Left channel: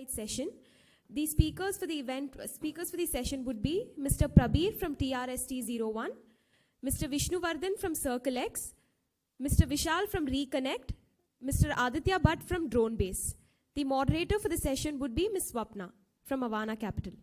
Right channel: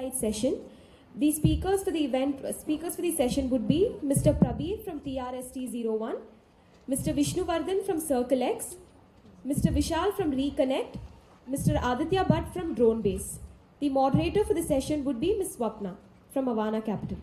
fireside session. The speakers for the session would be Mr. Prabir from TRST01, Mr. Vishnuvardan from Circle X, Mr. Vishal from Reconnect, Mr. Aditya Bhatt from Drone Base. The moderator for the session would be Ms. Swapna from Avana Capital.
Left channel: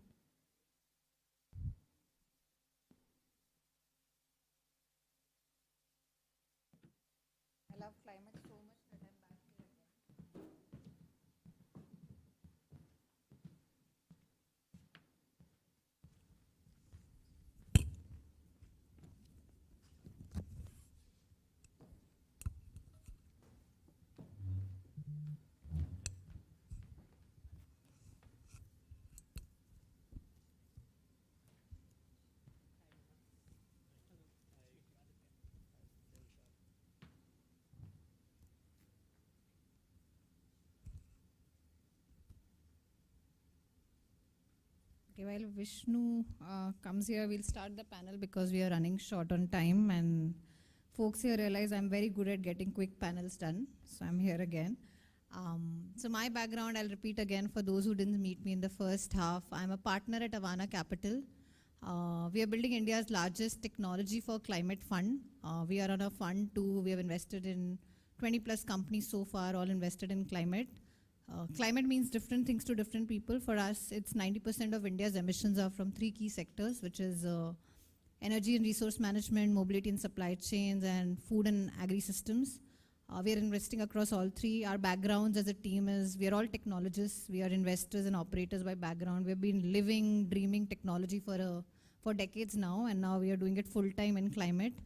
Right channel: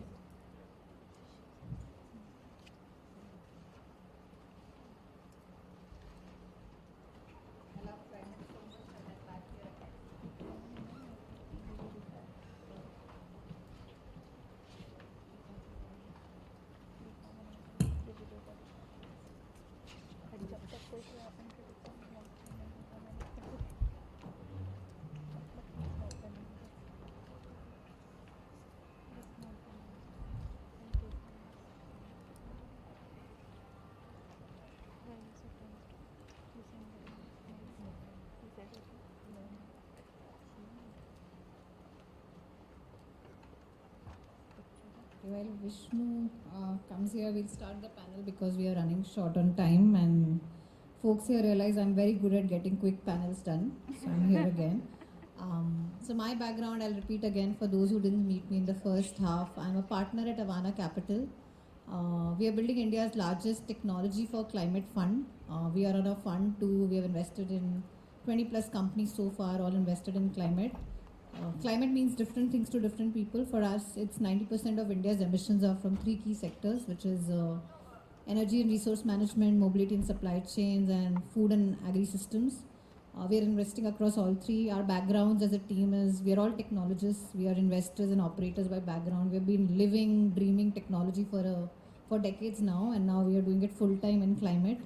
While Vishnu comes here, we'll start the panel because we are running short on time, and folks here realize I'm very good at getting quick panels done, so I'm here again. So my background, I'll repeat again for those who didn't meet me in the first half. I'm a partner at Avana Capital. We are building India's largest technology for climate fund. We are on a fund too. We have invested in 20 plus companies so far, all invested in climate. Climate means different things to different people. For us, it's 90% of India's emissions are from 3 key sectors, which is energy and resource management, mobility and supply chains, and food and agri-systems. We are investing across all 3. Our backgrounds as a team is, we are all technologists. We are investors and operators by background. We have been living, dreaming technology for decades now, and now we are doing it full-time in climate.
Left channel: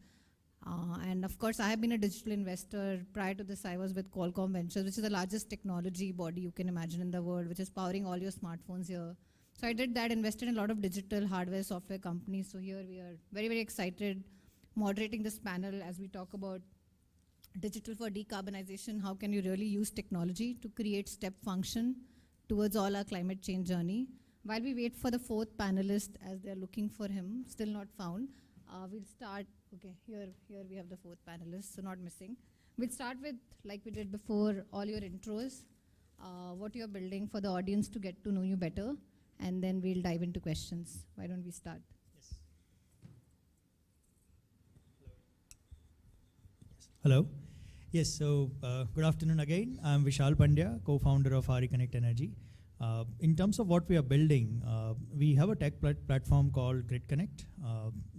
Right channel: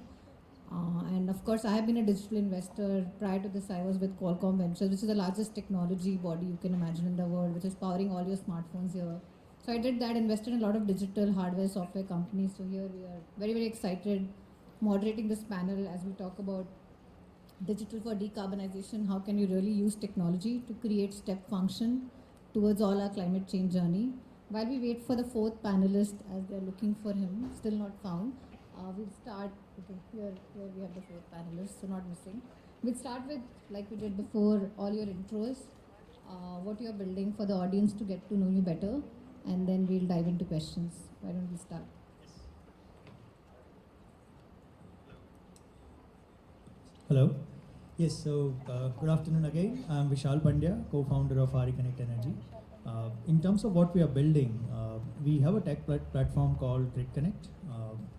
And of course, I have been a digital investor. Prior to this, I was with Qualcomm Ventures. This is the largest technology body you can imagine in the world, which is powering all your smartphones here. So I did that, invested in a lot of digital hardware, software companies. So here we are very, very excited moderating this panel as we talk about digital for decarbonization. How can you really use technology to create step function towards all our climate change journey? While we wait for the 4th panelist, as they're looking for him, still not found, we'll start. Okay, here we have the 4 panelists, so not missing. We'll start with, like we did before, all your intros, what you're building for the audience to get to know you better, and then we'll dive into questions. Why don't we start? Hello. Yes, so good afternoon again. I'm Vishal Pandya, co-founder of Reconnect Energy. In terms of what we are building, we have a tech platform called Grid Connect.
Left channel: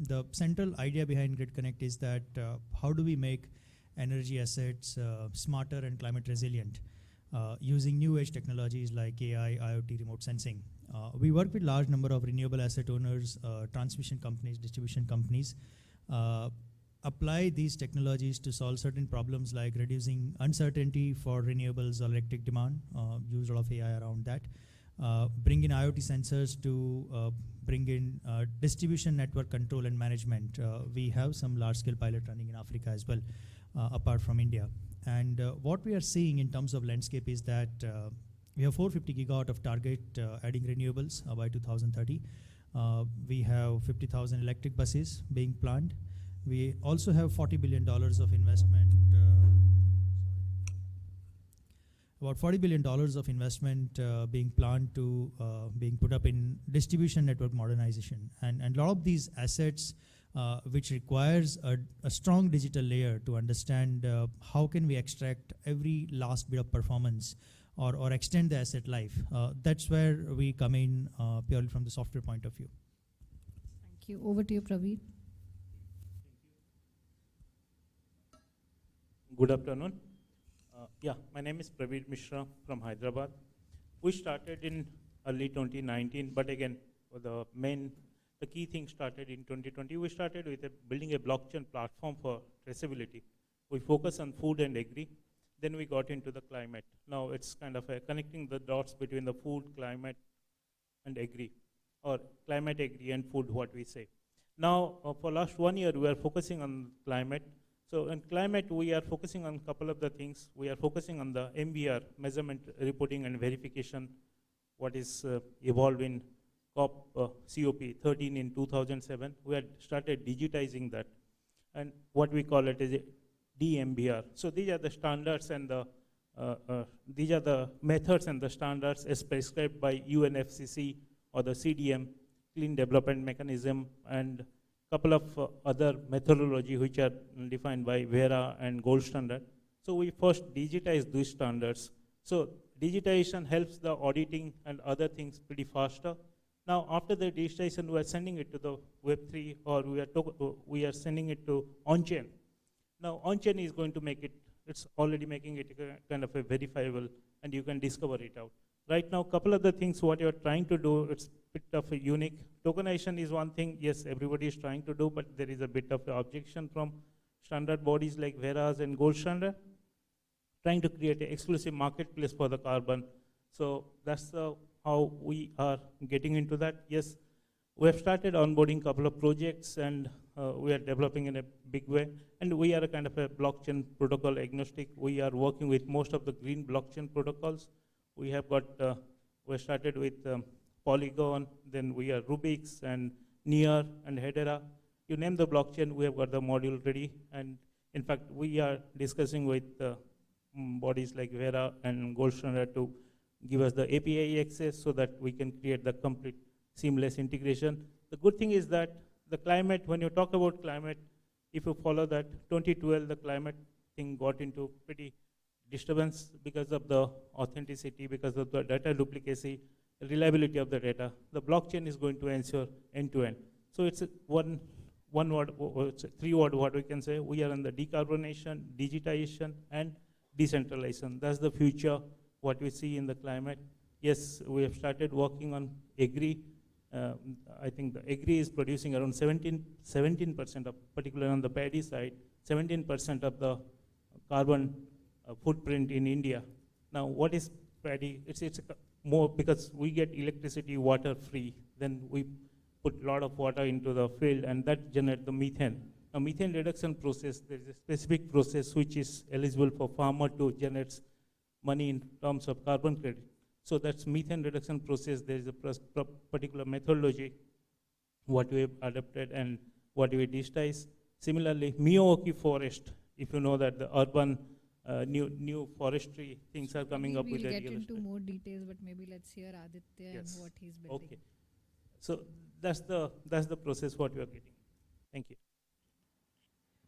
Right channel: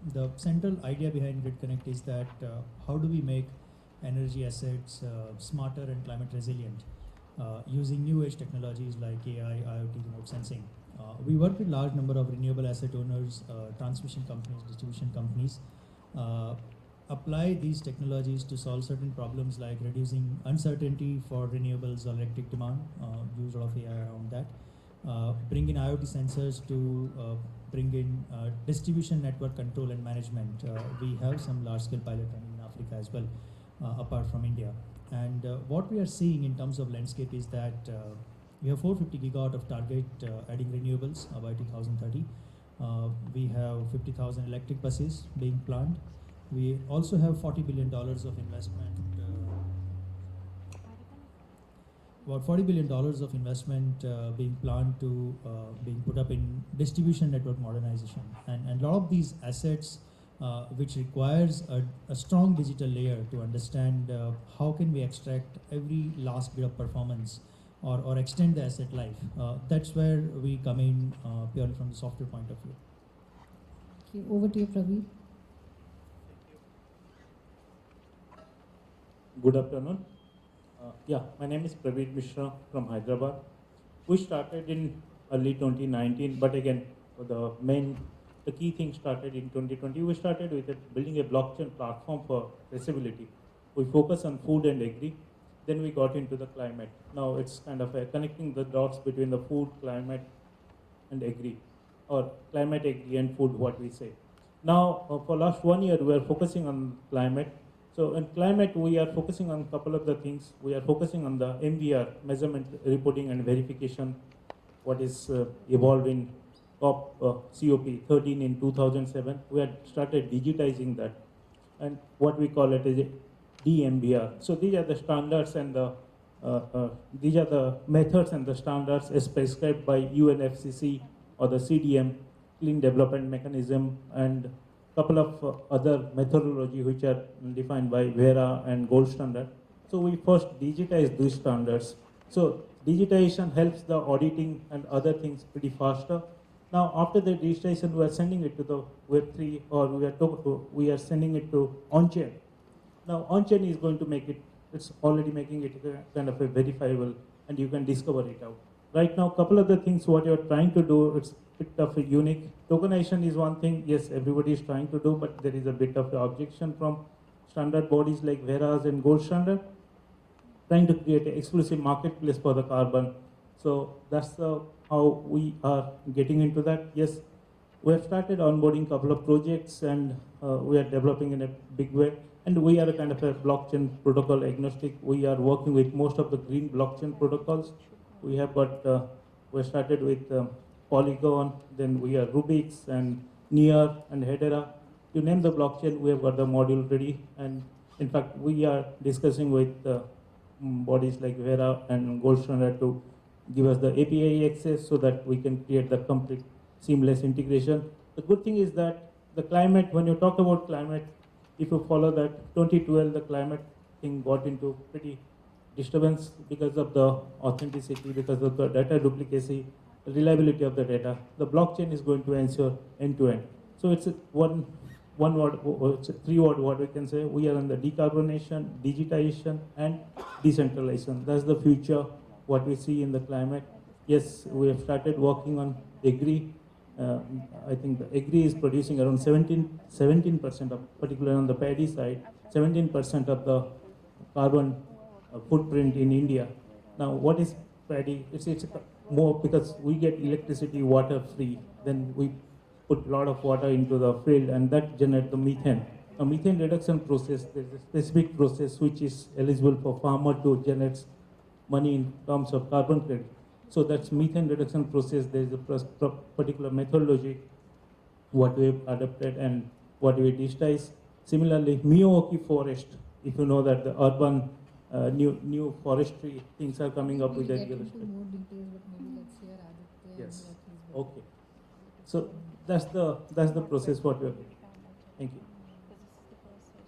The central idea behind Grid Connect is that how do we make energy assets smarter and climate resilient using new age technologies like AI, IoT, remote sensing. We work with large number of renewable asset owners, transmission companies, distribution companies, apply these technologies to solve certain problems like reducing uncertainty for renewables or electric demand, use a lot of AI around that, bring in IoT sensors to bring in distribution network control and management. We have some large-scale pilot running in Africa as well, apart from India. And what we are seeing in terms of landscape is that we have 450 gigawatt of target adding renewables by 2030. We have 50,000 electric buses being planned. We also have $40 billion of investment. About $40 billion of investment being planned to being put up in distribution network modernization. And a lot of these assets which requires a strong digital layer to understand how can we extract every last bit of performance or extend the asset life. That's where we come in purely from the software point of view. Thank you. Over to you, Praveer. Good afternoon. My name is Praveer Mishra from Hyderabad. We started in early 2019, but again, the key thing started in 2020. We started with building a blockchain platform for traceability. We focused on food and agri. Then we got into the climate. Now it's kind of connecting the dots between the food, climate, and agri, or climate, agri, and food, what we say. Now, for last 1 year, we are focusing on climate. So in climate, we are focusing on a couple of the things. We are focusing on the MVR, measurement, reporting, and verification, what is evolving COP 13 in 2007. We had started digitizing that. And what we call it is DMVR. So these are the standards and the these are the methods and the standards as prescribed by UNFCCC or the CDM, Clean Development Mechanism, and a couple of other methodology which are defined by VERA and Gold Standard. So we first digitize these standards. So digitization helps the auditing and other things pretty faster. Now after the digitization, we are sending it to the Web3 or we are sending it to on-chain. Now on-chain is going to make it, it's already making it kind of a verifiable and you can discover it out. Right now, a couple of the things what you're trying to do is a bit of a unique. Tokenization is one thing, yes, everybody is trying to do, but there is a bit of the objection from standard bodies like VERAs and Gold Standard, trying to create an exclusive marketplace for the carbon. So that's how we are getting into that. Yes, we have started onboarding a couple of projects and we are developing in a big way. And we are kind of a blockchain protocol agnostic. We are working with most of the green blockchain protocols. We have got, we started with Polygon, then we have Rubix and Near and Hedera. You name the blockchain, we have got the module ready. And in fact, we are discussing with bodies like VERA and Gold Standard to give us the API access so that we can create the complete seamless integration. The good thing is that the climate, when you talk about climate, if you follow that 2012, the climate thing got into pretty disturbance because of the authenticity, because of the data duplicacy, reliability of the data. The blockchain is going to ensure end-to-end. So it's one word, it's a three-word what we can say. We are in the decarbonization, digitization, and decentralization. That's the future, what we see in the climate. Yes, we have started working on agri. I think agri is producing around 17% of, particularly on the paddy side, 17% of the carbon footprint in India. Now, what is paddy? It's more because we get electricity water free, then we put a lot of water into the field and that generates the methane. Now, methane reduction process is a specific process which is eligible for farmer to generate money in terms of carbon credit. So that's methane reduction process. There is a particular methodology what we have adopted and what we digitize. Similarly, Miyawaki forest, if you know that the urban new forestry things are coming up We'll with get that. into more detail, but maybe let's hear Aditya Yes. what he's been Okay. So that's the process what we're doing. Thank you.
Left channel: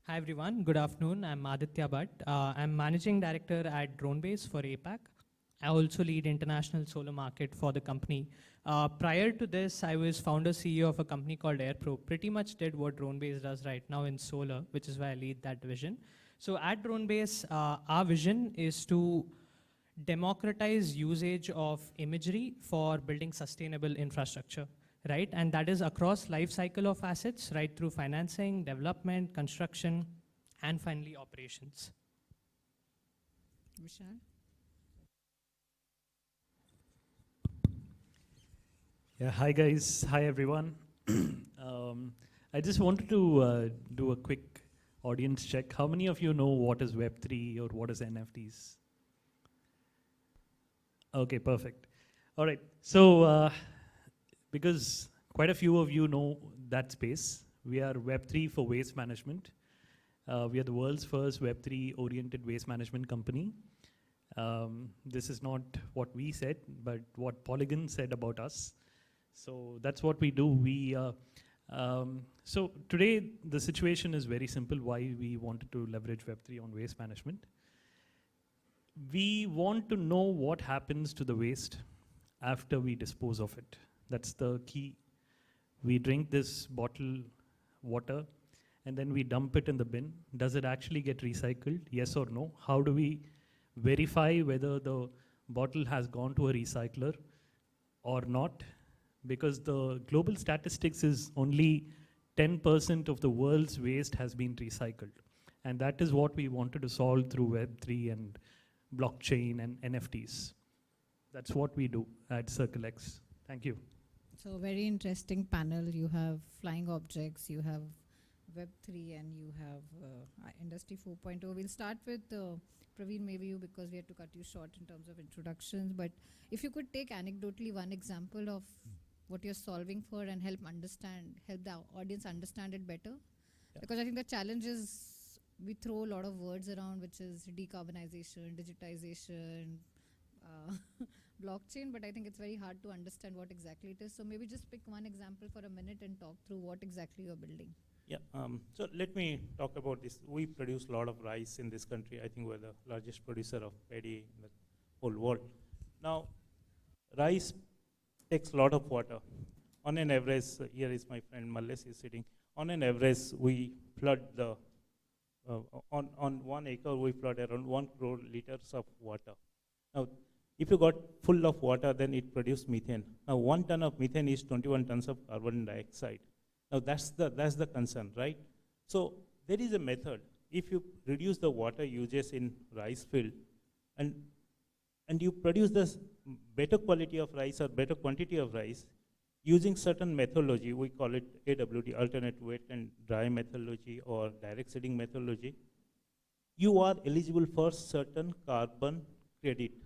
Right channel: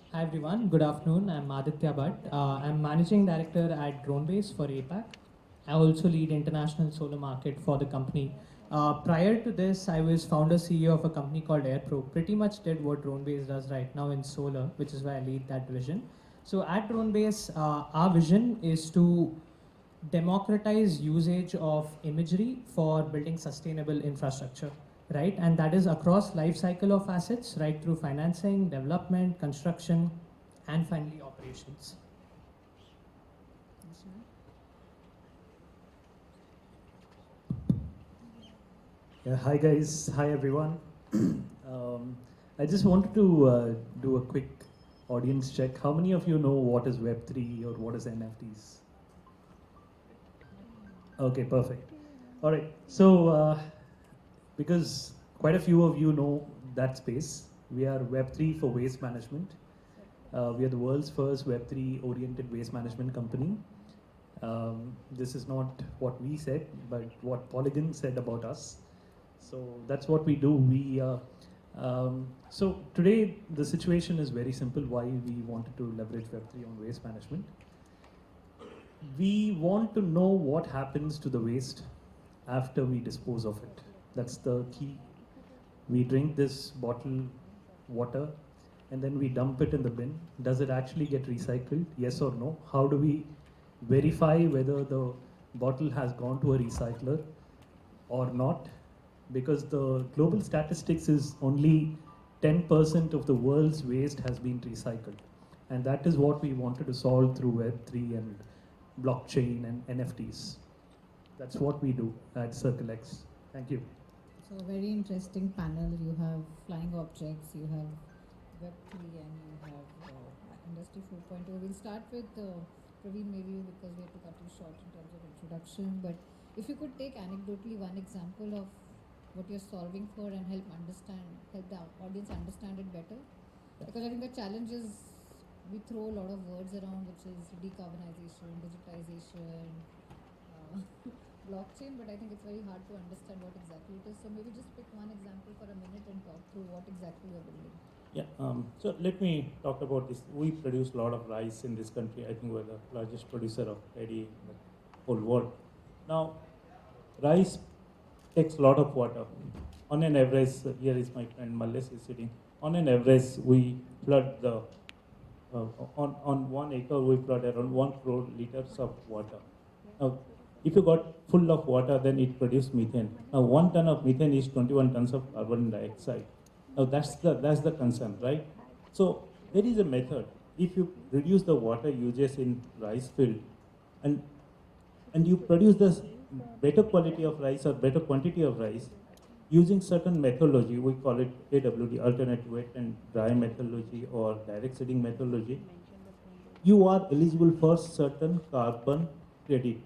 Hi everyone, good afternoon. I'm Aditya Bhatt. I'm Managing Director at DroneBase for APAC. I also lead international solar market for the company. Prior to this, I was founder CEO of a company called AirPro. Pretty much did what DroneBase does right now in solar, which is why I lead that vision. So at DroneBase, our vision is to democratize usage of imagery for building sustainable infrastructure, right? And that is across life cycle of assets, right through financing, development, construction, and finally operations. Yeah, hi guys, hi everyone. I just wanted to do a quick audience check. How many of you know what is Web3 or what is NFTs? Okay, perfect. All right, so because quite a few of you know that space, we are Web3 for waste management. We are the world's first Web3 oriented waste management company. This is not what we said, but what Polygon said about us. So that's what we do. So today the situation is very simple why we wanted to leverage Web3 on waste management. We want to know what happens to the waste after we dispose of it. That's the key. We drink this bottle water and then we dump it in the bin. Does it actually get recycled? Yes or no? How do we verify whether the bottle has gone to a recycler or not? Because the global statistics is only 10% of the world's waste has been recycled. And that is what we wanted to solve through Web3 and blockchain and NFTs. That's what we do at CircleX. Thank you. So very interesting panel. You have flying objects, you have Web3 and you have Industry 4.0. We'll start with Praveen, maybe you, because we have to cut you short in terms of introduction. But if you could take anecdotally one example of what you're solving for and help the audience understand it better. Because I think the challenge is we throw a lot of words around, which is decarbonization, digitization, decarbonization, blockchain, but I think it's very hard to understand what exactly it is. So maybe just pick one example for a minute and talk through what exactly you're building. Yeah, so let me talk about this. We produce a lot of rice in this country. I think we're the largest producer of paddy in the whole world. Now, rice takes a lot of water. On an average, here is my friend Males is sitting. On an average, we flood the, on 1 acre, we flood around 1 crore liters of water. Now, if you got full of water, then it produces methane. Now, 1 ton of methane is 21 tons of carbon dioxide. Now that's the concern, right? So there is a method. If you reduce the water uses in rice field, and you produce this better quality of rice or better quantity of rice using certain methodology, we call it AWD, alternate wet and dry methodology or direct seeding methodology, you are eligible for certain carbon credit.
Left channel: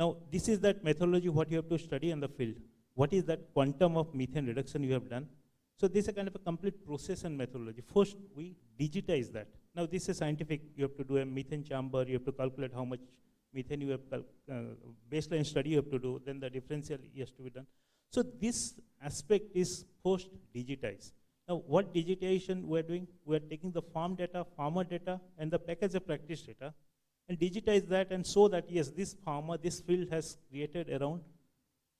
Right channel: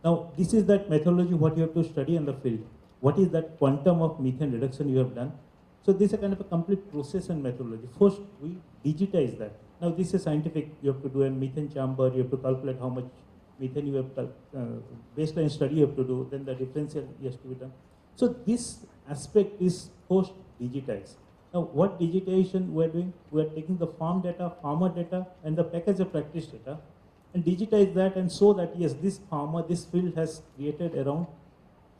Now this is that methodology what you have to study on the field. What is that quantum of methane reduction you have done? So this is a kind of a complete process and methodology. First, we digitize that. Now this is scientific. You have to do a methane chamber. You have to calculate how much methane you have, baseline study you have to do. Then the differential has to be done. So this aspect is post digitized. Now what digitization we are doing? We are taking the farm data, farmer data, and the package of practice data, and digitize that and show that yes, this farmer, this field has created around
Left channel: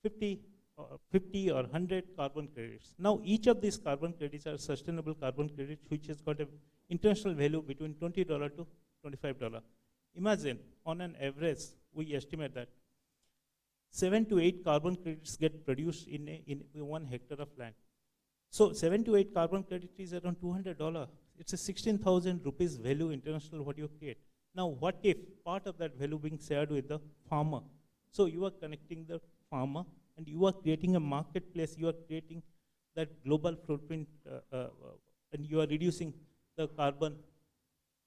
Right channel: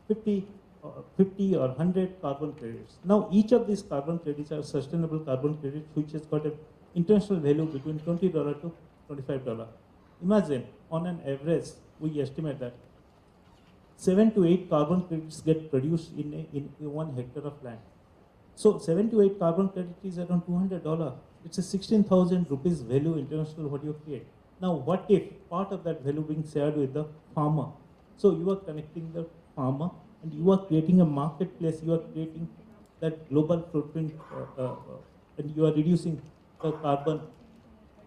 50 or 100 carbon credits. Now each of these carbon credits are sustainable carbon credits which has got an international value between $20 to $25. Imagine on an average we estimate that 7 to 8 carbon credits get produced in 1 hectare of land. So 7 to 8 carbon credits is around $200. It's a 16,000 rupees value international what you get. Now what if part of that value being shared with the farmer? So you are connecting the farmer and you are creating a marketplace, you are creating that global footprint and you are reducing the carbon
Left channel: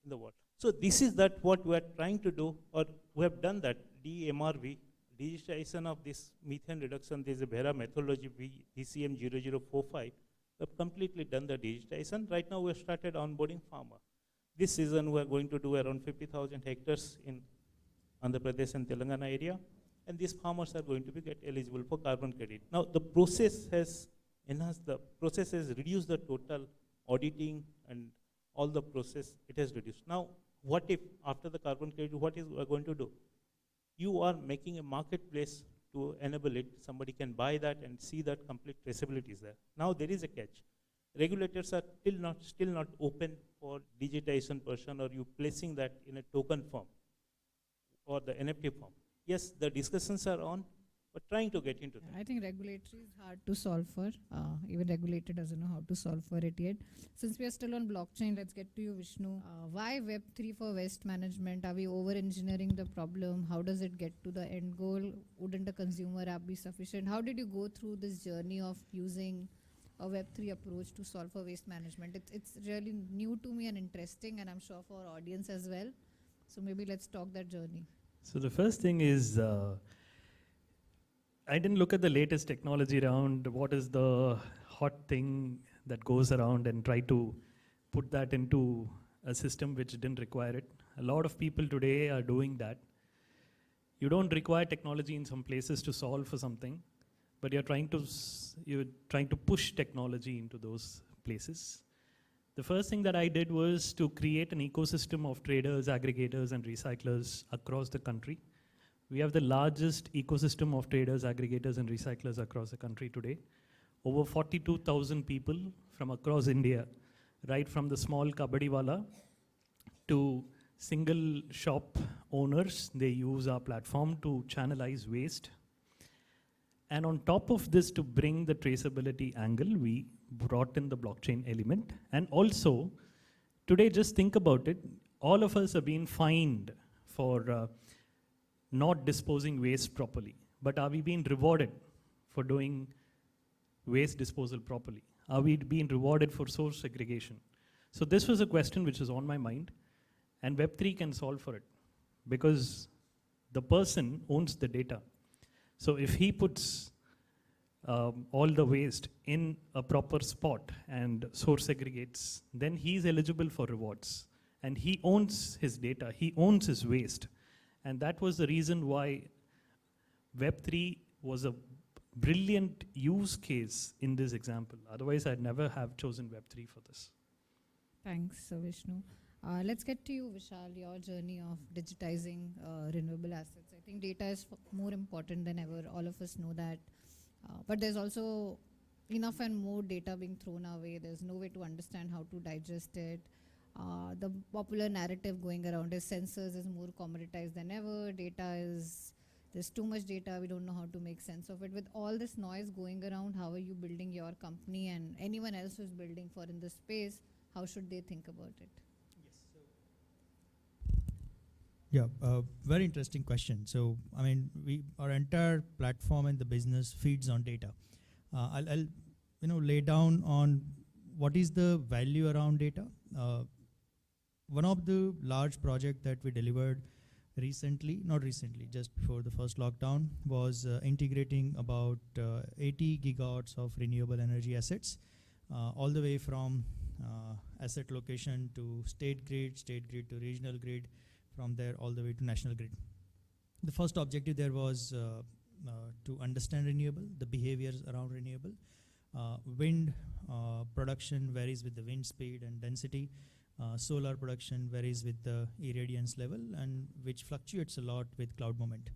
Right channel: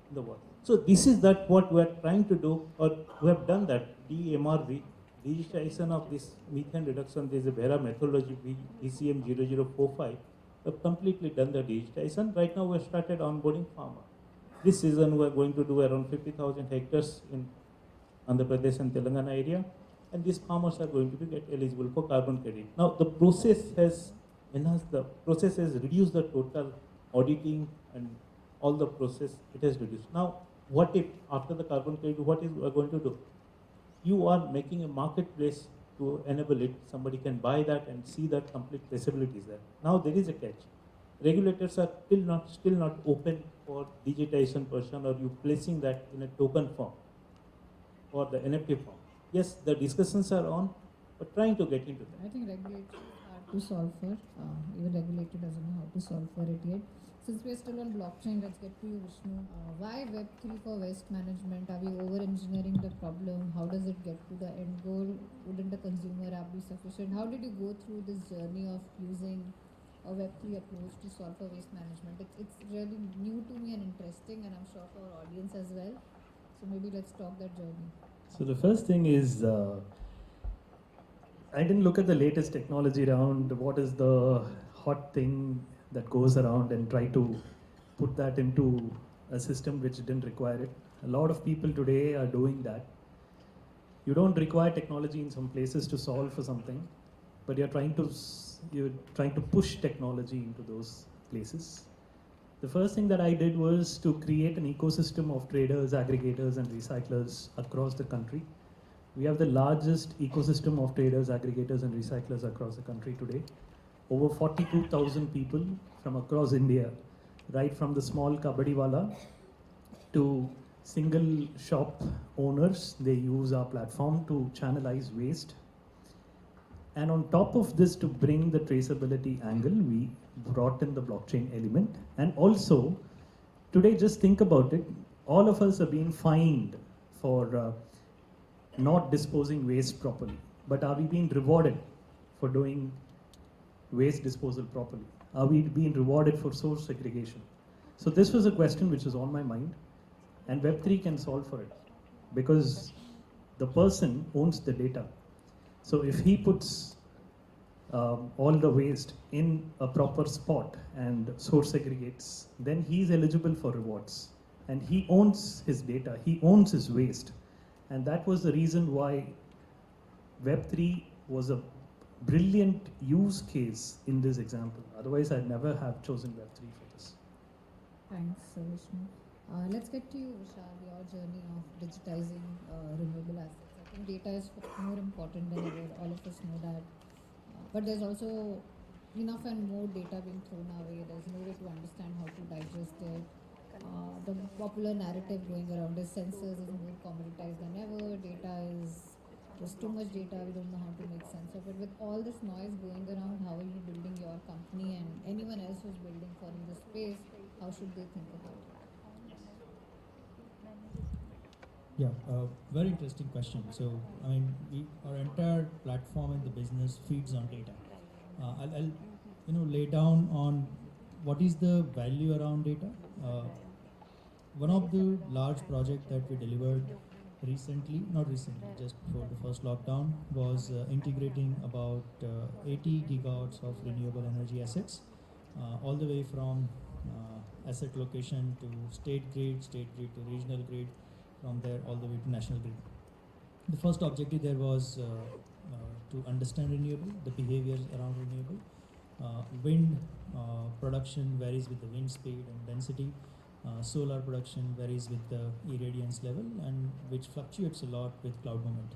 in the world. So this is that what we are trying to do, or we have done that, DMRV, digitization of this methane reduction, this is a Vera methodology, DCM 0045, we have completely done the digitization. Right now we have started onboarding farmer. This season we are going to do around 50,000 hectares in Andhra Pradesh and Telangana area. And these farmers are going to be eligible for carbon credit. Now the process has enhanced, the process has reduced the total auditing and all the process, it has reduced. Now what if after the carbon credit, what is we are going to do? You are making a marketplace to enable it, somebody can buy that and see the complete traceability is there. Now there is a catch. Regulators are still not open for digitization person or you placing that in a token form or the NFT form. Yes, the discussions are on, but trying to get into it. I think regulators are hard to solve for. Even regulator doesn't know how to solve for it yet. Since we are still on blockchain, let's get to you, Vishnu. Why Web3 for waste management? Are we over-engineering the problem? How does it get to the end goal? Wouldn't a consumer app be sufficient? How did you go through this journey of using a Web3 approach to solve for waste management? It's really new to me and interesting, and I'm sure for our audience as well. So maybe let's talk that journey. So the first thing is, I didn't look at the latest technology around, what is the hot thing that goes around and try to put that into a system which didn't require it. A lot of people today are doing that. You don't require technology in some places to solve for something, but you're trying to push technology into those places. The first thing that I did was to create an ecosystem of traders, aggregators, and recyclers across the country. We have the largest ecosystem of traders, aggregators, and recyclers across the country today. Over 42,000 people from across India, right from the small kabadiwala to single shop owners. They use our platform to channelize waste. And on top of this, to bring the traceability angle, we brought in the blockchain element. And also, today just think about it, all of us are being fined for not disposing waste properly. But are we being rewarded for doing waste disposal properly? Are we being rewarded for source segregation? So this was a question which was on my mind, and Web3 can solve for it, because the person owns the data. So if he puts all the waste in a proper spot and source segregates, then he's eligible for rewards. And he owns his data, he owns his waste. And that was the reason why Web3 was a brilliant use case in this example. Otherwise, I'd never have chosen Web3 for this. Thanks, Vishnu. Let's get to you, Vishal, your journey of digitizing renewable assets. I think data is more important than ever. All of us know that. But there's also enough and more data being thrown away. There's no way to understand how to digest it. The popular narrative going around is sensors is more commoditized than ever. There's too much data, we don't know how to make sense of it. With all this noise going around, how are you building your company and anyone else who's building for this space, how should they think about it? Yeah, very interesting question. So, I mean, our entire platform in the business feeds on data. I'll lay down on what is the value around data. One of the large projects that we delivered not recently, just before the first lockdown, was integrating about 80 gigawatts of renewable energy assets, all the way from asset location to state grid to regional grid, from there all the way to national grid. The first objective there was to understand renewable, the behaviors around renewable. Wind production varies with the wind speed and density. Solar production varies with the irradiance level, and which fluctuates a lot with cloud movement.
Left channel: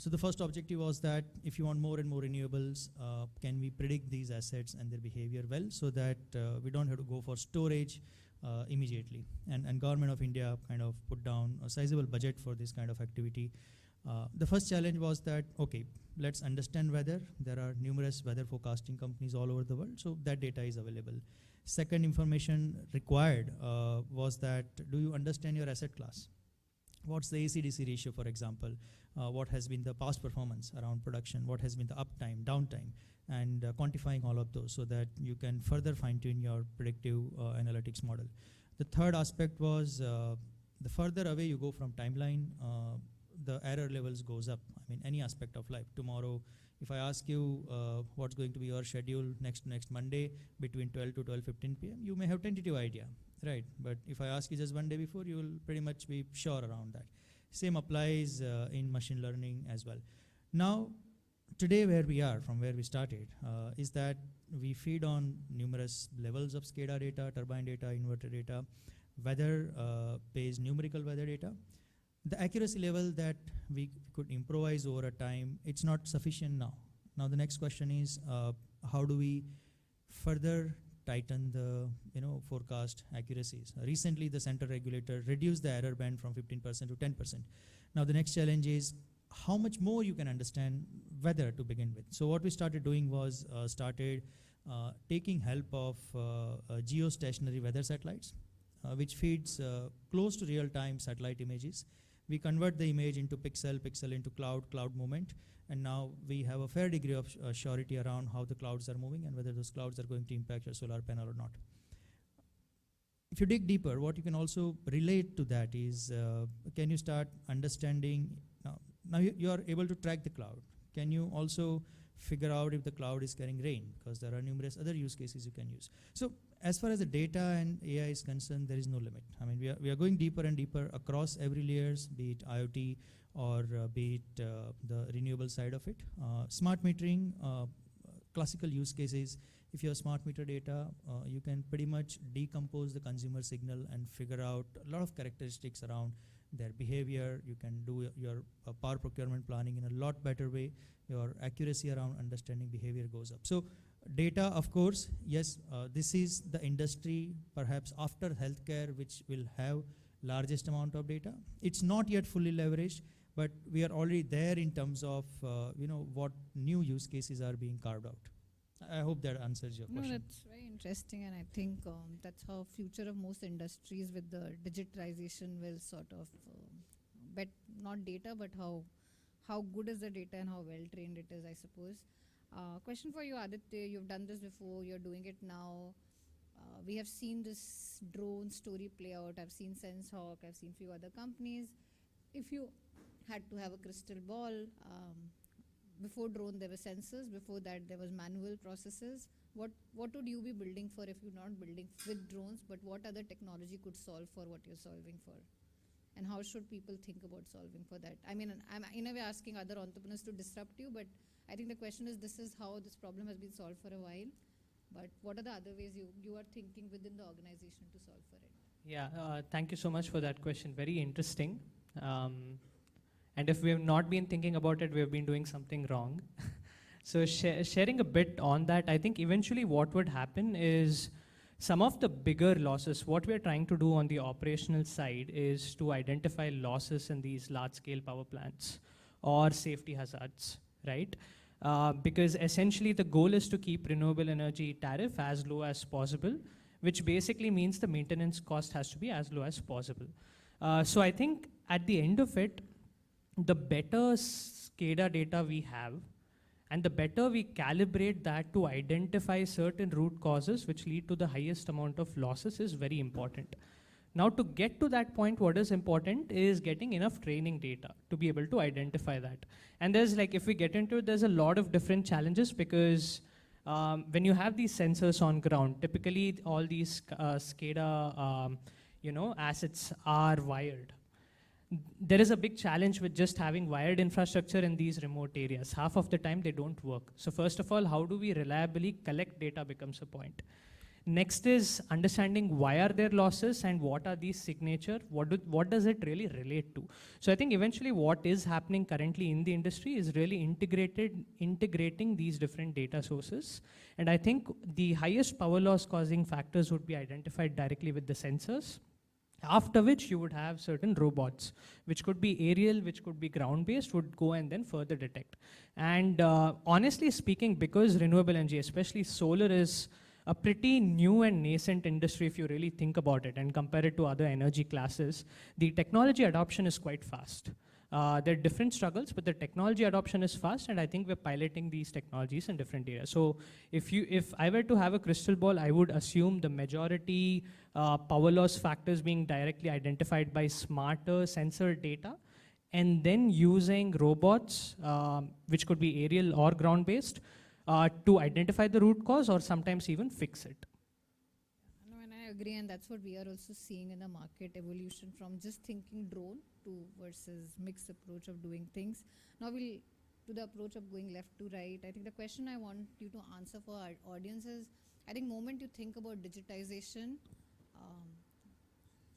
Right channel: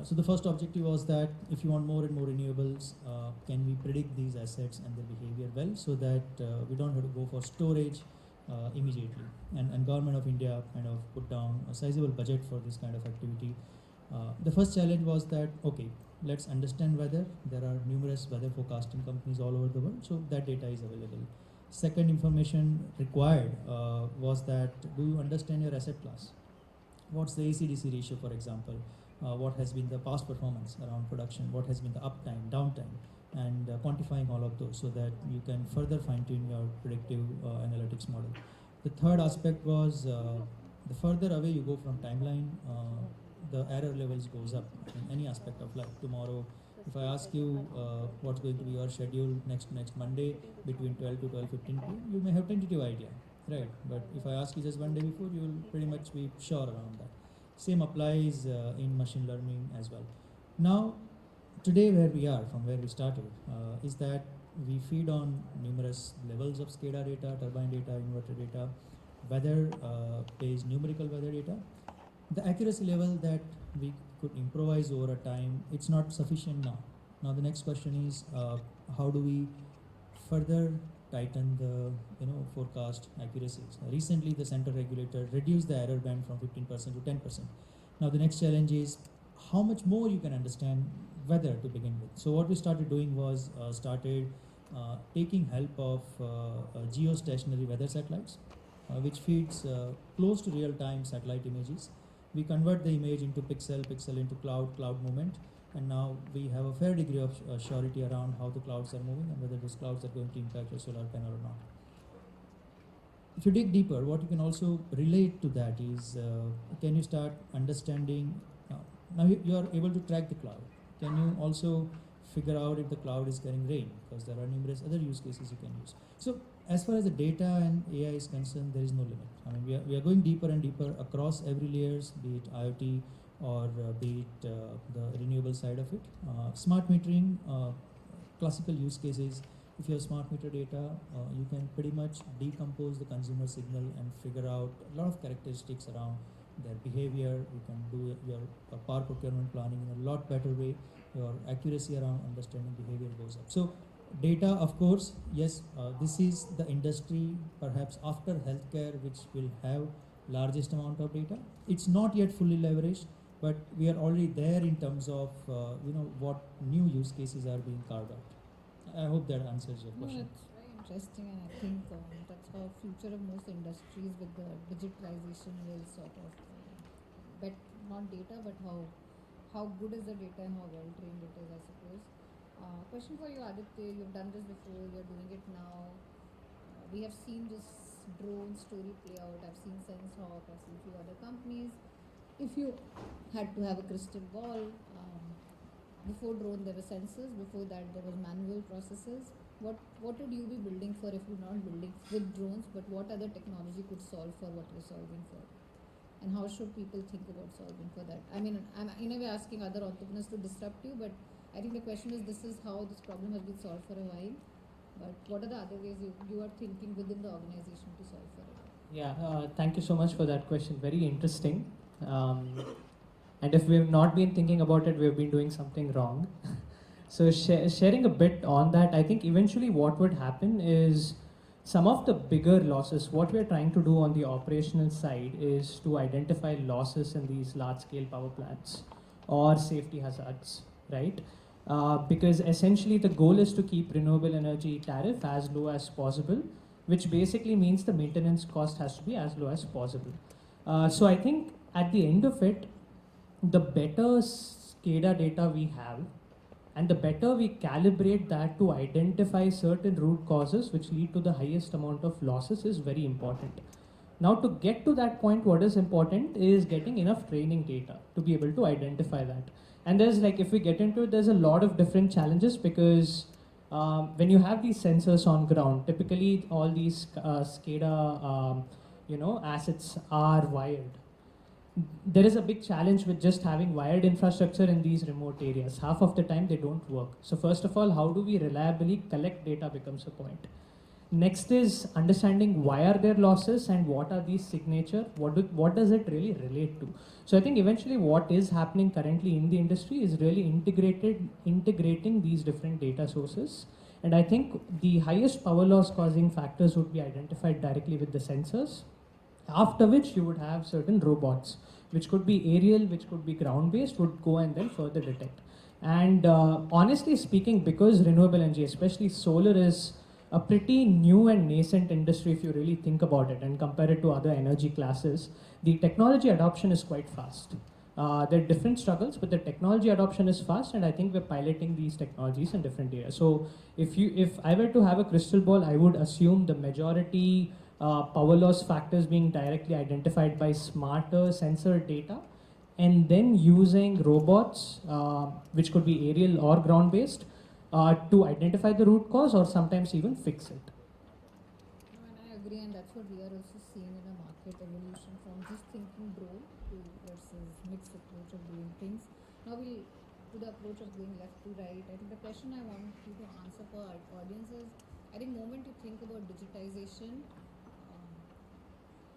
So the first objective was that if you want more and more renewables, can we predict these assets and their behavior well, so that we don't have to go for storage immediately. And Government of India kind of put down a sizable budget for this kind of activity. The first challenge was that, okay, let's understand weather. There are numerous weather forecasting companies all over the world, so that data is available. Second information required was that, do you understand your asset class? What's the AC/DC ratio, for example? What has been the past performance around production? What has been the uptime, downtime? And quantifying all of those so that you can further fine-tune your predictive analytics model. The third aspect was the further away you go from timeline, the error levels goes up in any aspect of life. Tomorrow, if I ask you what's going to be your schedule next Monday between 12 to 12:15, you may have tentative idea, right? But if I ask you just one day before, you will pretty much be sure around that. Same applies in machine learning as well. Now, today where we are, from where we started, is that we feed on numerous levels of SCADA data, turbine data, inverter data, weather-based numerical weather data. The accuracy level that we could improvise over time, it's not sufficient now. Now the next question is, how do we further tighten the forecast accuracies? Recently, the central regulator reduced the error band from 15% to 10%. Now the next challenge is how much more you can understand weather to begin with. So what we started doing was taking help of geostationary weather satellites, which feeds close to real-time satellite images. We convert the image into pixel into cloud movement, and now we have a fair degree of surety around how the clouds are moving and whether those clouds are going to impact the solar panel or not. If you dig deeper, what you can also relate to that is, can you start understanding, now you are able to track the cloud. Can you also figure out if the cloud is carrying rain, because there are numerous other use cases you can use. So as far as the data and AI is concerned, there is no limit. I mean, we are going deeper and deeper across every layers, be it IoT or be it the renewable side of it. Smart metering, classical use cases. If you have smart meter data, you can pretty much decompose the consumer signal and figure out a lot of characteristics around their behavior. You can do your power procurement planning in a lot better way. Your accuracy around understanding behavior goes up. So data, of course, yes, this is the industry perhaps after healthcare which will have largest amount of data. It's not yet fully leveraged, but we are already there in terms of what new use cases are being carved out. I hope that answers your question. No, that's very interesting, and I think that's how future of most industries with the digitalization will sort of bet not data, but how good is the data and how well trained it is, I suppose. Question for you, Aditya. You've done this before. You're doing it now. We have seen this drone story play out. I've seen SenseHawk. I've seen a few other companies. If you had to have a crystal ball, before drone there were sensors. Before that there were manual processes. What would you be building for if you're not building with drones? But what other technology would solve for what you're solving for? and how should people think about solving for that? I mean, I'm in a way asking other entrepreneurs to disrupt you, but I think the question is, this is how this problem has been solved for a while, but what are the other ways you are thinking within the organization to solve for it? Yeah, thank you so much for that question. Very interesting. And if we have not been thinking about it, we have been doing something wrong. So sharing a bit on that, I think eventually what would happen is some of the bigger losses, what we're trying to do on the operational side is to identify losses in these large-scale power plants or safety hazards, right? Because essentially the goal is to keep renewable energy tariff as low as possible, which basically means the maintenance cost has to be as low as possible. So I think at the end of it, the better SCADA data we have, and the better we calibrate that to identify certain root causes which lead to the highest amount of losses is very important. Now to get to that point, what is important is getting enough training data to be able to identify that. And there's like, if we get into it, there's a lot of different challenges because when you have these sensors on ground, typically all these SCADA assets are wired. There is a big challenge with just having wired infrastructure in these remote areas. Half of the time they don't work. So first of all, how do we reliably collect data becomes the point. Next is understanding why are there losses and what are these signature, what does it really relate to. So I think eventually what is happening currently in the industry is really integrating these different data sources. And I think the highest power loss causing factors would be identified directly with the sensors. After which you would have certain robots, which could be aerial, which could be ground-based, would go and then further detect. And honestly speaking, because renewable energy, especially solar, is a pretty new and nascent industry if you really think about it and compare it to other energy classes, the technology adoption is quite fast. There are different struggles, but the technology adoption is fast, and I think we're piloting these technologies in different areas. So if I were to have a crystal ball, I would assume the majority power loss factors being directly identified by smarter sensor data, and then using robots, which could be aerial or ground-based, to identify the root cause or sometimes even fix it. And I agree, and that's what we are also seeing in the market evolution from just thinking drone to versus mixed approach of doing things. Now we to the approach of going left to right. I think the question I want you to answer for our audience is, I think the moment you think about digitization,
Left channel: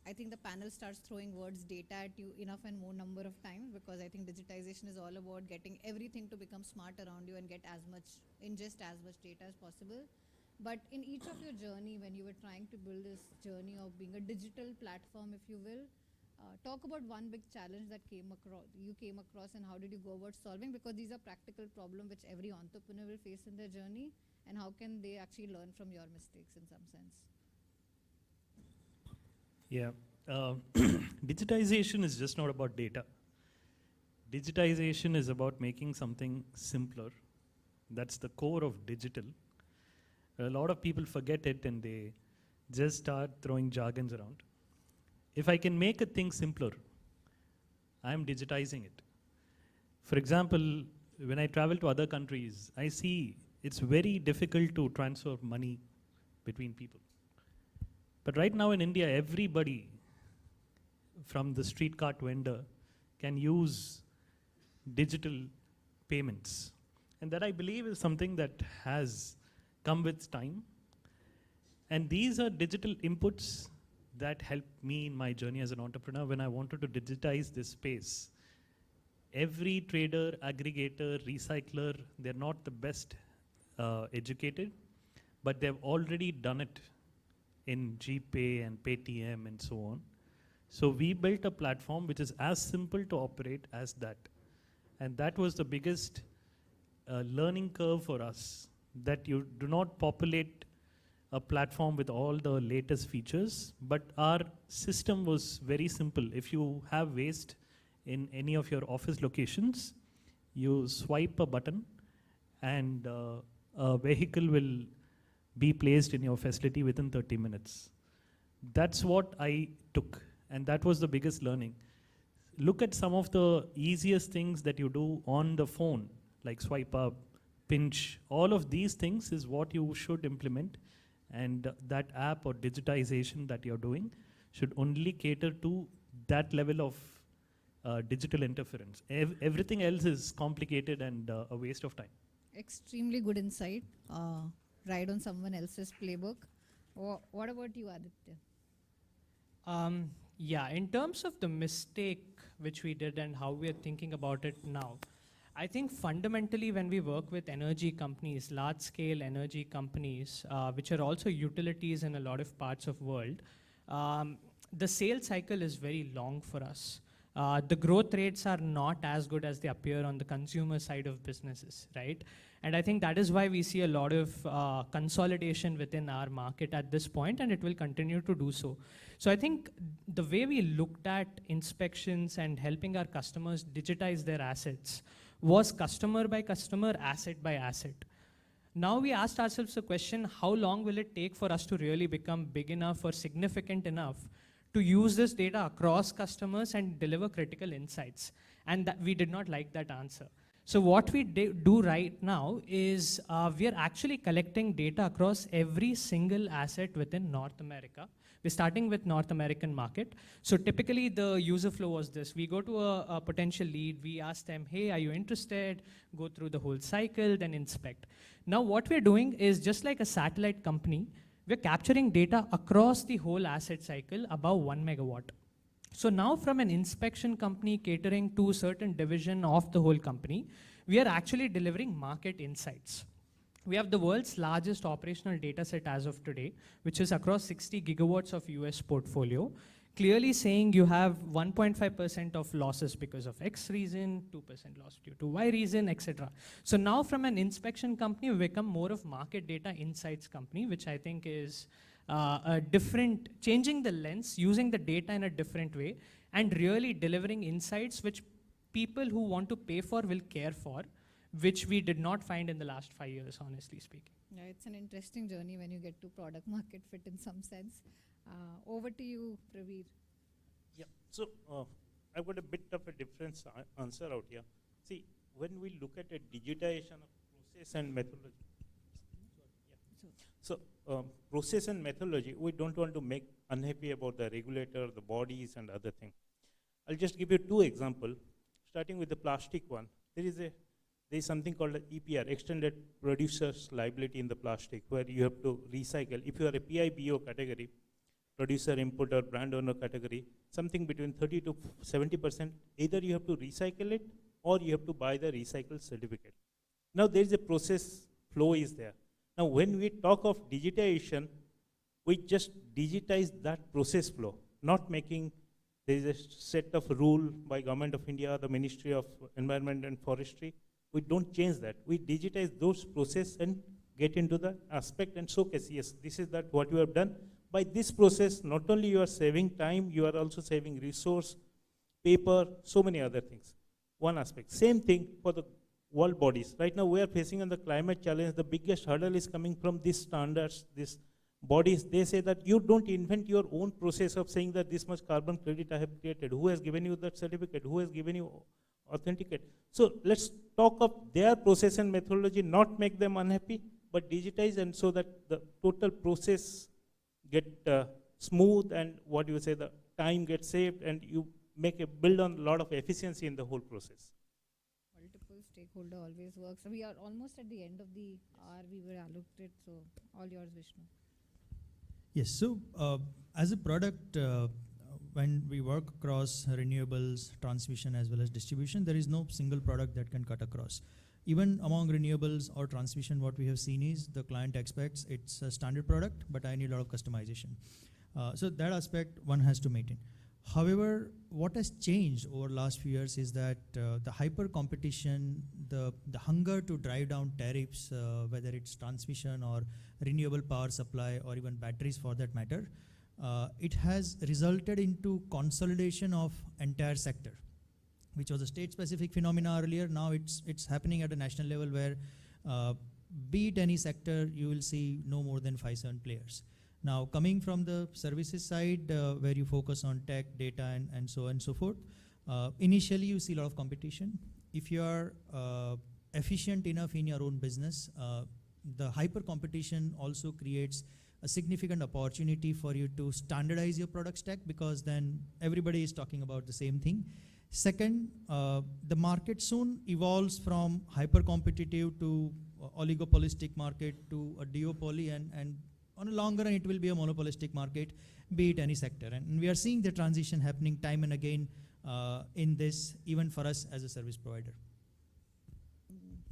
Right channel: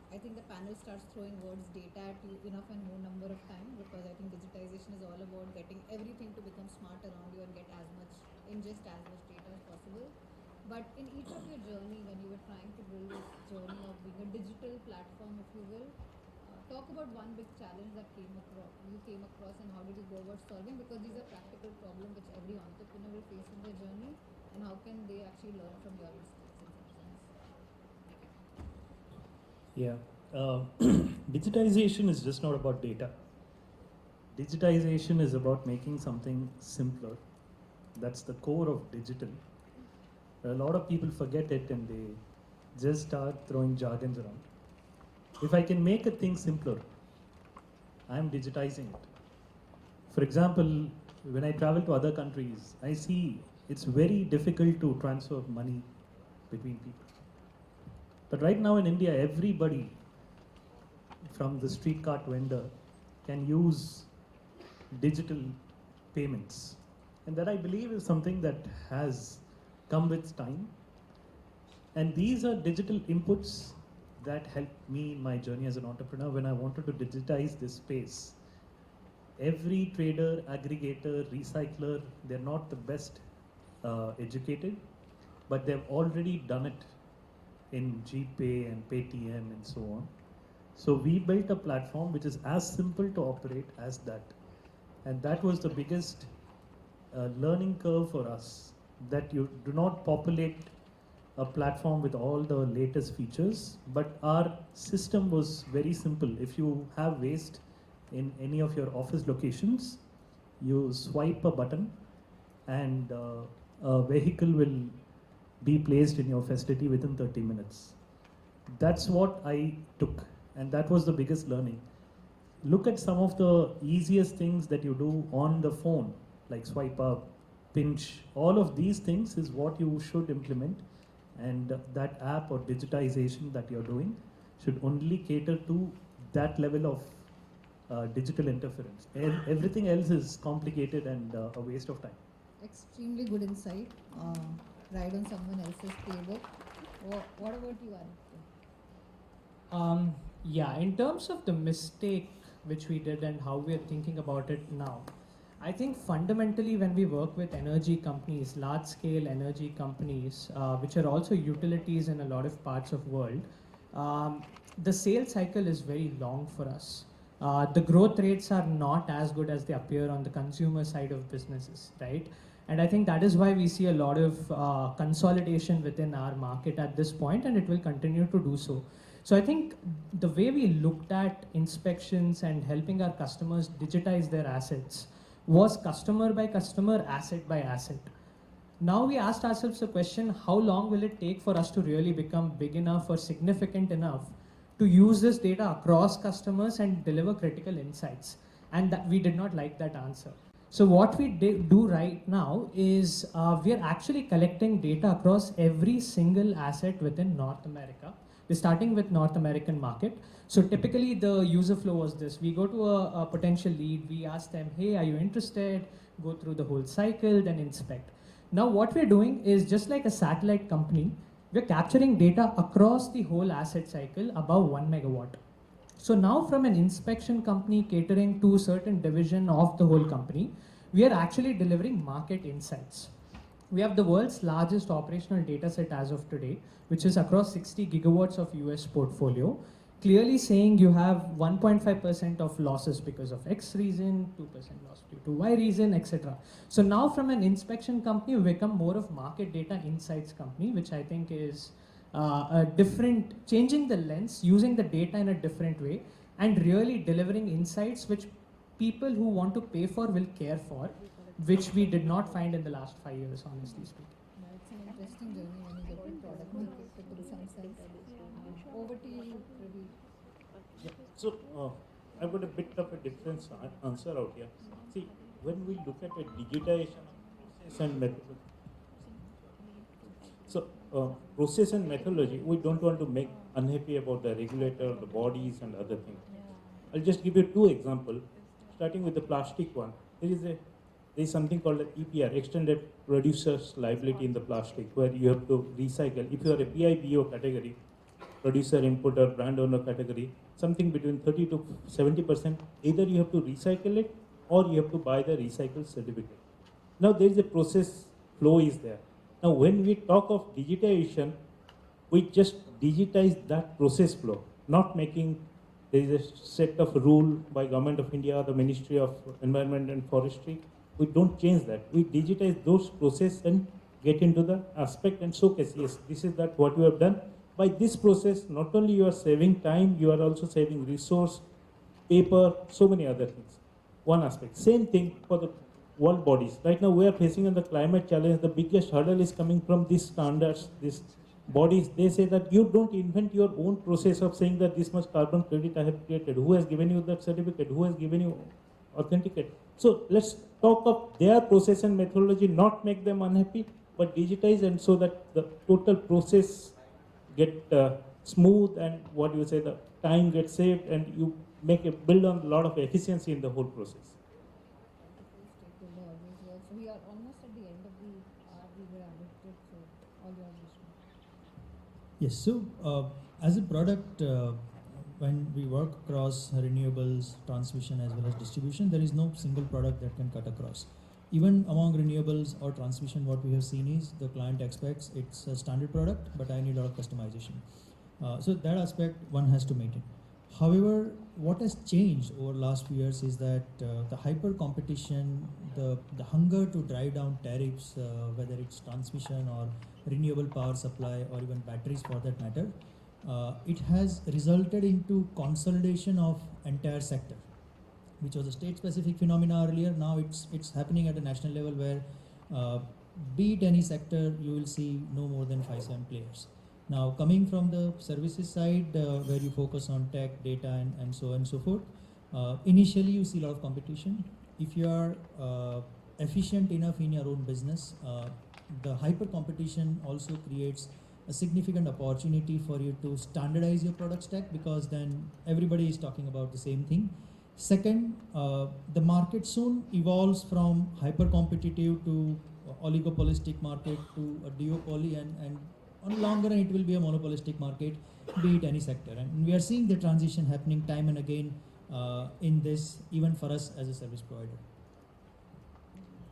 I think the panel starts throwing words data at you enough and more number of times, because I think digitization is all about getting everything to become smart around you and get as much, ingest as much data as possible. But in each of your journey, when you were trying to build this journey of being a digital platform, if you will, talk about one big challenge that you came across and how did you go about solving, because these are practical problems which every entrepreneur will face in their journey, and how can they actually learn from your mistakes in some sense? Yeah. Digitization is just not about data. Digitization is about making something simpler. That's the core of digital. A lot of people forget it and they just start throwing jargons around. If I can make a thing simpler, I am digitizing it. For example, when I travel to other countries, I see it's very difficult to transfer money between people. But right now in India, everybody from the street cart vendor can use digital payments. And that, I believe, is something that has come with time. And these are digital inputs that helped me in my journey as an entrepreneur when I wanted to digitize this space. Every trader, aggregator, recycler, they're not the best educated, but they've already done it in GPay and Paytm and so on. So we built a platform which is as simple to operate as that. And that was the biggest learning curve for us, that you do not populate a platform with all the latest features, but our system was very simple. If you have waste in any of your office locations, you swipe a button and a vehicle will be placed in your facility within 30 minutes. That's what I took, and that was the biggest learning. Look at some of the easiest things that you do on the phone, like swipe up, pinch. All of these things is what you should implement, and that app or digitization that you're doing should only cater to that level of digital interference. Everything else is complicated and a waste of time. Extremely good insight. Ride on someone else's playbook. What about you, Aditya? Yeah, in terms of the mistake which we did and how we are thinking about it now, I think fundamentally when we work with energy companies, large-scale energy companies, which are also utilities in a lot of parts of the world, the sales cycle is very long for us. The growth rates are not as good as they appear on the consumer side of businesses, right? And I think that is why we see a lot of consolidation within our market at this point, and it will continue to do so. So I think the way we looked at inspections and helping our customers digitize their assets was customer by customer, asset by asset. Now we asked ourselves the question, how long will it take for us to really become big enough or significant enough to use this data across customers and deliver critical insights? And that we did not like that answer. So what we do right now is we are actually collecting data across every single asset within North America. We're starting with North American market. So typically the user flow was this. We go to a potential lead, we ask them, hey, are you interested? Go through the whole cycle, then inspect. Now what we're doing is just like a satellite company, we're capturing data across the whole asset cycle above 1 megawatt. So now from an inspection company catering to a certain division of the whole company, we are actually delivering market insights. We have the world's largest operational data set as of today, which is across 60 gigawatts of US portfolio, clearly saying you have 1.5% of losses because of X reason, 2% loss due to Y reason, etc. So now from an inspection company, we become more of market data insights company, which I think is a different, changing the lens, using the data in a different way, and really delivering insights which people who want to pay for will care for, which we did not find in the last 5 years, honestly speaking. Yeah, it's an interesting journey when you get to product market fit in some sense. Over to you, Praveer. Yeah. So I got a bit of a difference answer out here. See, when we look at a digitization process and method, so process and methodology, we don't want to make unhappy about the regulator, the bodies, and other things. I'll just give you 2 examples. Starting with the plastic one, there is something called the EPR, Extended Producer's Liability in the plastic, where you have to recycle. If you are a BIBO category, producer, importer, brand owner category, something between 30 to 70%, either you have to recycle it or you have to buy the recycle certificate. Now there is a process flow is there. Now when we talk of digitization, we just digitize that process flow, not making there is a set of rule by Government of India or the Ministry of Environment and Forestry. We don't change that. We digitize those processes and get into the aspect and showcase, yes, this is that what we have done. By this process, not only you are saving time, you are also saving resource, paper, so many other things. One aspect. Same thing for the world bodies. Right now we are facing the climate challenge. The biggest hurdle is coming from these standards, these bodies. They say that you don't invent your own process of saying that this much carbon credit I have created. Who has given you that certificate? Who has given you authenticate? So let's talk of their process and methodology, not make them unhappy, but digitize and so that the total process get smooth and what you say, the time gets saved and you build on a lot of efficiency in the whole process. Stakeholder always works. So we are almost at the end of the hour we were allocated, so all yours, Vishnu. Yes, so as a product, when we work across renewables, transmission as well as distribution, there is no single product that can cut across. Even among renewables or transmission, what we have seen is the client expects it's a standard product, but I need a lot of customization. So that aspect one has to maintain. However, what has changed over the last few years is that the hyper competition, the hunger to drive down tariffs, whether it's transmission or renewable power supply or even batteries for that matter, it has resulted into consolidation of entire sector, which was a state-specific phenomena earlier. Now it's happening at a national level where, be it any sector, you will see no more than 5-7 players. Now, coming from the services side, where you focus on tech, data, and so on and so forth, initially you see a lot of competition. If you are efficient enough in your own business, the hyper competition also creates a significant opportunity for you to standardize your product stack, because then everybody is talking about the same thing. Second, the market soon evolves from hyper-competitive to oligopolistic market to a duopoly, and on the longer end it will be a monopolistic market, be it any sector. And we are seeing the transition happening time and again in this, even for us as a service provider.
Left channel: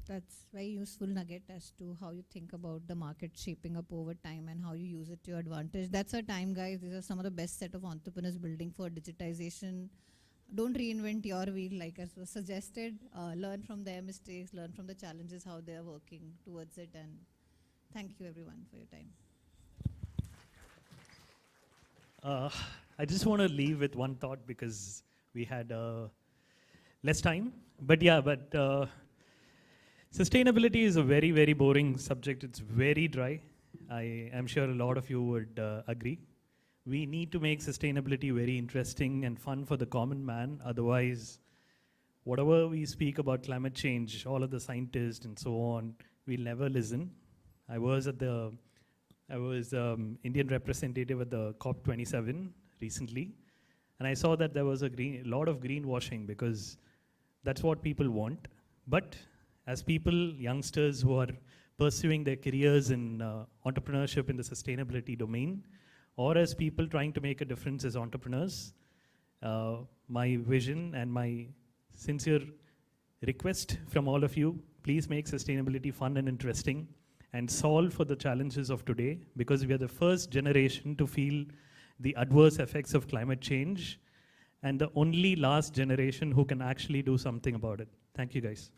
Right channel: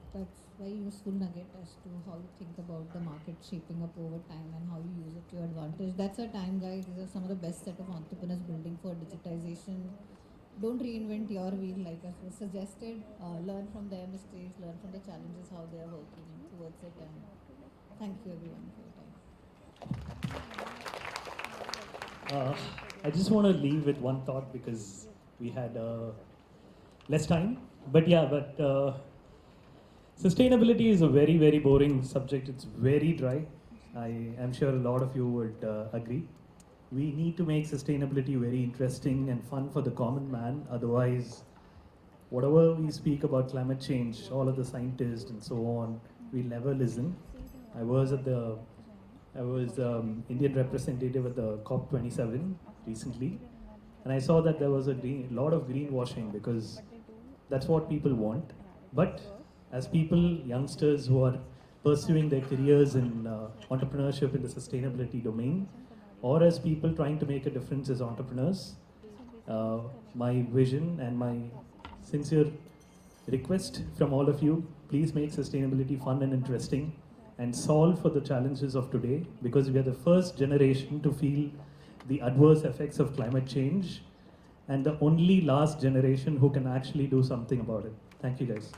That's very useful nugget as to how you think about the market shaping up over time and how you use it to your advantage. That's our time, guys. These are some of the best set of entrepreneurs building for digitization. Don't reinvent your wheel, like as was suggested. Learn from their mistakes, learn from the challenges, how they are working towards it. And thank you everyone for your time. I just want to leave with one thought, because we had less time. But sustainability is a very, very boring subject. It's very dry. I am sure a lot of you would agree. We need to make sustainability very interesting and fun for the common man. Otherwise, whatever we speak about climate change, all of the scientists and so on, we'll never listen. I was Indian representative at the COP27 recently, and I saw that there was a lot of greenwashing, because that's what people want. But as people, youngsters who are pursuing their careers in entrepreneurship in the sustainability domain, or as people trying to make a difference as entrepreneurs, my vision and my sincere request from all of you, please make sustainability fun and interesting and solve for the challenges of today, because we are the first generation to feel the adverse effects of climate change and the only last generation who can actually do something about it. Thank you, guys.